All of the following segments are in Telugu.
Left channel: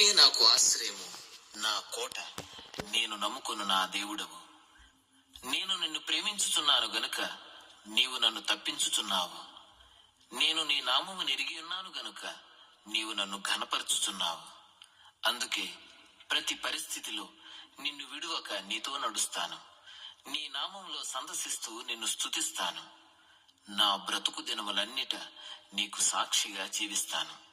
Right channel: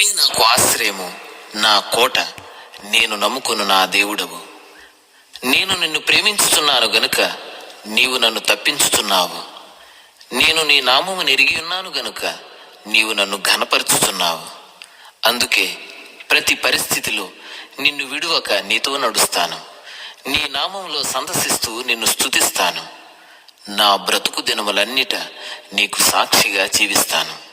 నీవే నాకు ఆశ్రయము నా కోట. నేను నమ్ముకును నా దేవుడవు. నేను నిన్ను ప్రేమించుతున్నాను గనుక నీవు నన్ను తప్పించుతున్నావు నేను నీ నామము నెరిగి ఉన్నాను గనుక నీవు నన్ను ఘనపరుచుతున్నావు అందుకే ప్రతి పరిస్థితిలో నిన్ను విడువక నీతో నడుస్తాను. నీ నామంలో సందర్శిస్తూ నిన్ను స్తుతిస్తాను. నా బ్రతుకు దినములన్నిట నీకు సాక్షిగా జీవిస్తాను.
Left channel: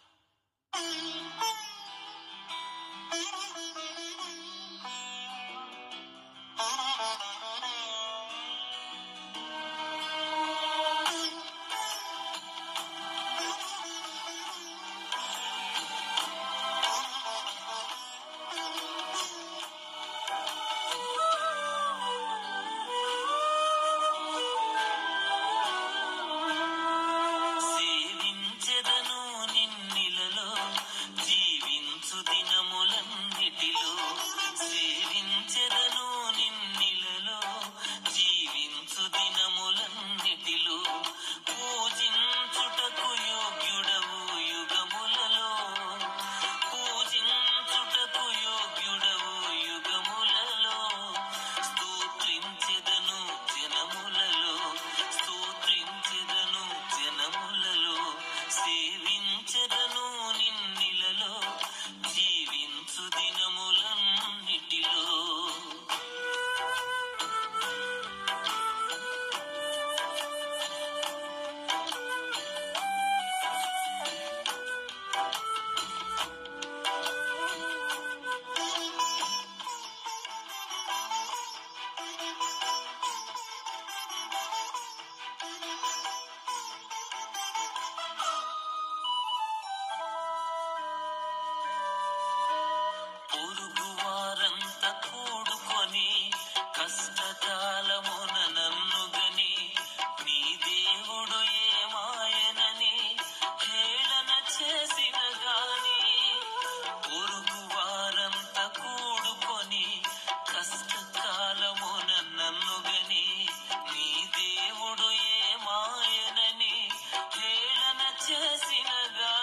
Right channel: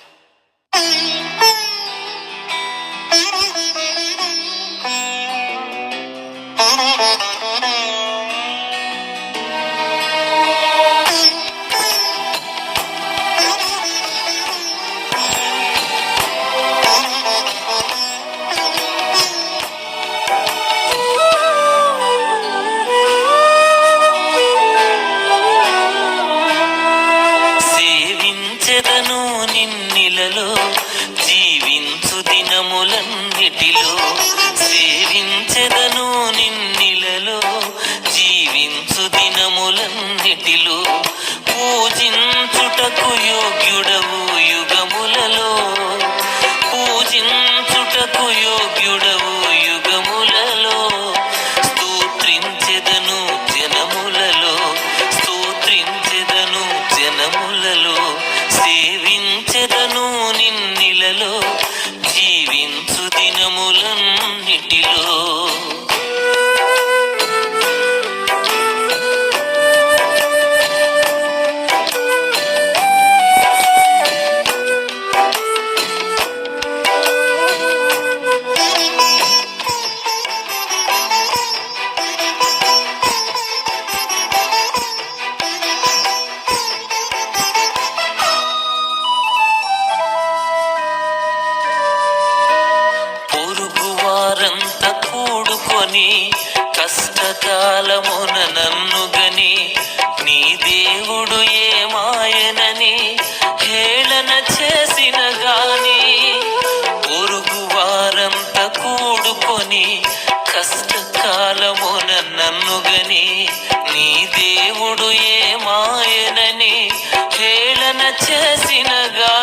గని కష్టకాలమున నన్ను గని నీ దేవుడు ఏమాయనని హేళన చేసిన గాని పొరుగు వారంత కూడుకొని కష్టకాలమున నన్ను గని నీ దేవుడు ఏమాయనని హేళన చేసిన గాని